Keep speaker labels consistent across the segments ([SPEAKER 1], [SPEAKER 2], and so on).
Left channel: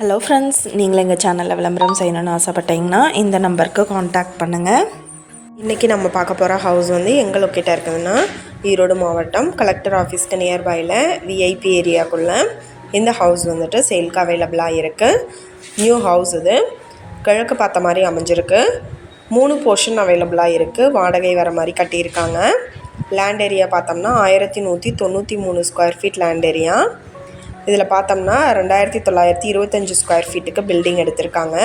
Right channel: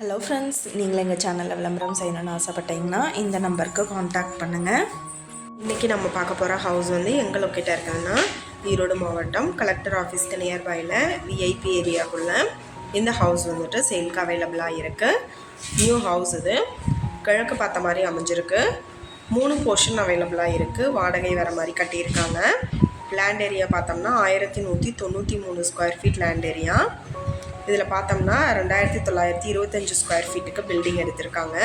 [SPEAKER 1] Hello friends நீங்கள் எங்கள் சேனலில் விளம்பரம் செய்யணும்னு ஆசைப்பட்டீங்கன்னா இந்த நம்பருக்கு காண்டாக்ட் பண்ணுங்கள்
[SPEAKER 2] இன்றைக்கி நம்ம பார்க்க போகிற ஹவுஸ் வந்து எங்கே லொக்கேட்டாக இருக்குதுன்னா ஈரோடு மாவட்டம் கலெக்டர் ஆஃபீஸ்க்கு நியர்பையில் விஐபி ஏரியாக்குள்ளே இந்த ஹவுஸ் வந்துட்டு சேல்க்கு அவைலபிளாக இருக்குது நியூ ஹவுஸ் இது. கிழக்கு பார்த்த மாதிரி அமைஞ்சிருக்கு. மூணு போர்ஷன் அவைலபிளாக இருக்குது வாடகை வர மாதிரி கட்டியிருக்காங்க. லேண்ட் ஏரியா பார்த்தோம்னா ஆயிரத்தி நூற்றி தொண்ணூற்றி மூணு ஸ்கொயர் ஃபீட் லேண்ட் ஏரியா இதில் பார்த்தோம்னா ரெண்டாயிரத்தி தொள்ளாயிரத்தி இருபத்தஞ்சி ஸ்கொயர் ஃபீட்டுக்கு பில்டிங் எடுத்திருக்காங்க.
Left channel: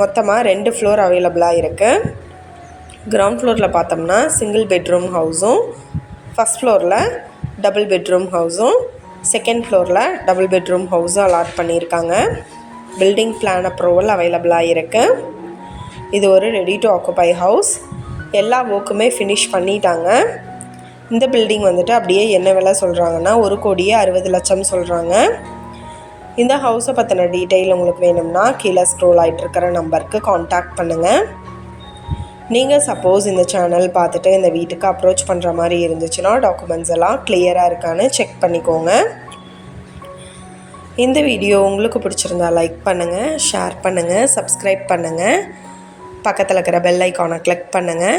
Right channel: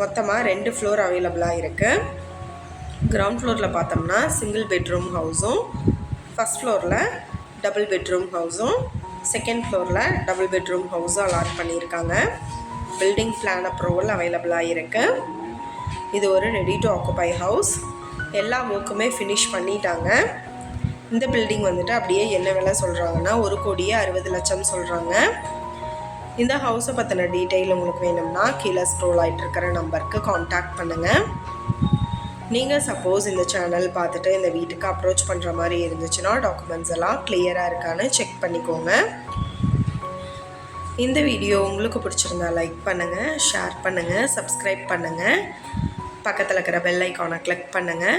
[SPEAKER 2] மொத்தமாக ரெண்டு ஃப்ளோர் அவைலபிளாக இருக்குது கிரவுண்ட் ஃப்ளோரில் பார்த்தோம்னா சிங்கிள் பெட்ரூம் ஹவுஸும் ஃபஸ்ட் ஃப்ளோரில் டபுள் பெட்ரூம் ஹவுஸும் செகண்ட் ஃப்ளோரில் டபுள் பெட்ரூம் ஹவுஸும் அலாட் பண்ணியிருக்காங்க. பில்டிங் பிளான் அப்ரூவல் அவைலபிளாக இருக்குது இது ஒரு ரெடி டு ஆக்குபை ஹவுஸ் எல்லா ஒர்க்குமே ஃபினிஷ் பண்ணிட்டாங்க. இந்த பில்டிங் வந்துட்டு அப்படியே என்ன விலை சொல்கிறாங்கன்னா ஒரு கோடியே அறுபது லட்சம் சொல்கிறாங்க இந்த ஹவுஸை பற்றின டீட்டெயில் உங்களுக்கு வேணும்னா கீழே ஸ்க்ரோல் ஆகிட்டுருக்கிற நம்பருக்கு காண்டாக்ட் பண்ணுங்கள் நீங்கள் சப்போஸ் இந்த சேனல் பார்த்துட்டு இந்த வீட்டுக்கு அப்ரோச் பண்ணுற மாதிரி இருந்துச்சுன்னா டாக்குமெண்ட்ஸ் எல்லாம் கிளியராக இருக்கான்னு செக் பண்ணிக்கோங்க. இந்த வீடியோ உங்களுக்கு பிடிச்சிருந்தா லைக் பண்ணுங்கள் ஷேர் பண்ணுங்கள் சப்ஸ்கிரைப் பண்ணுங்கள் பக்கத்தில் இருக்கிற பெல் ஐக்கானை கிளிக் பண்ணுங்கள்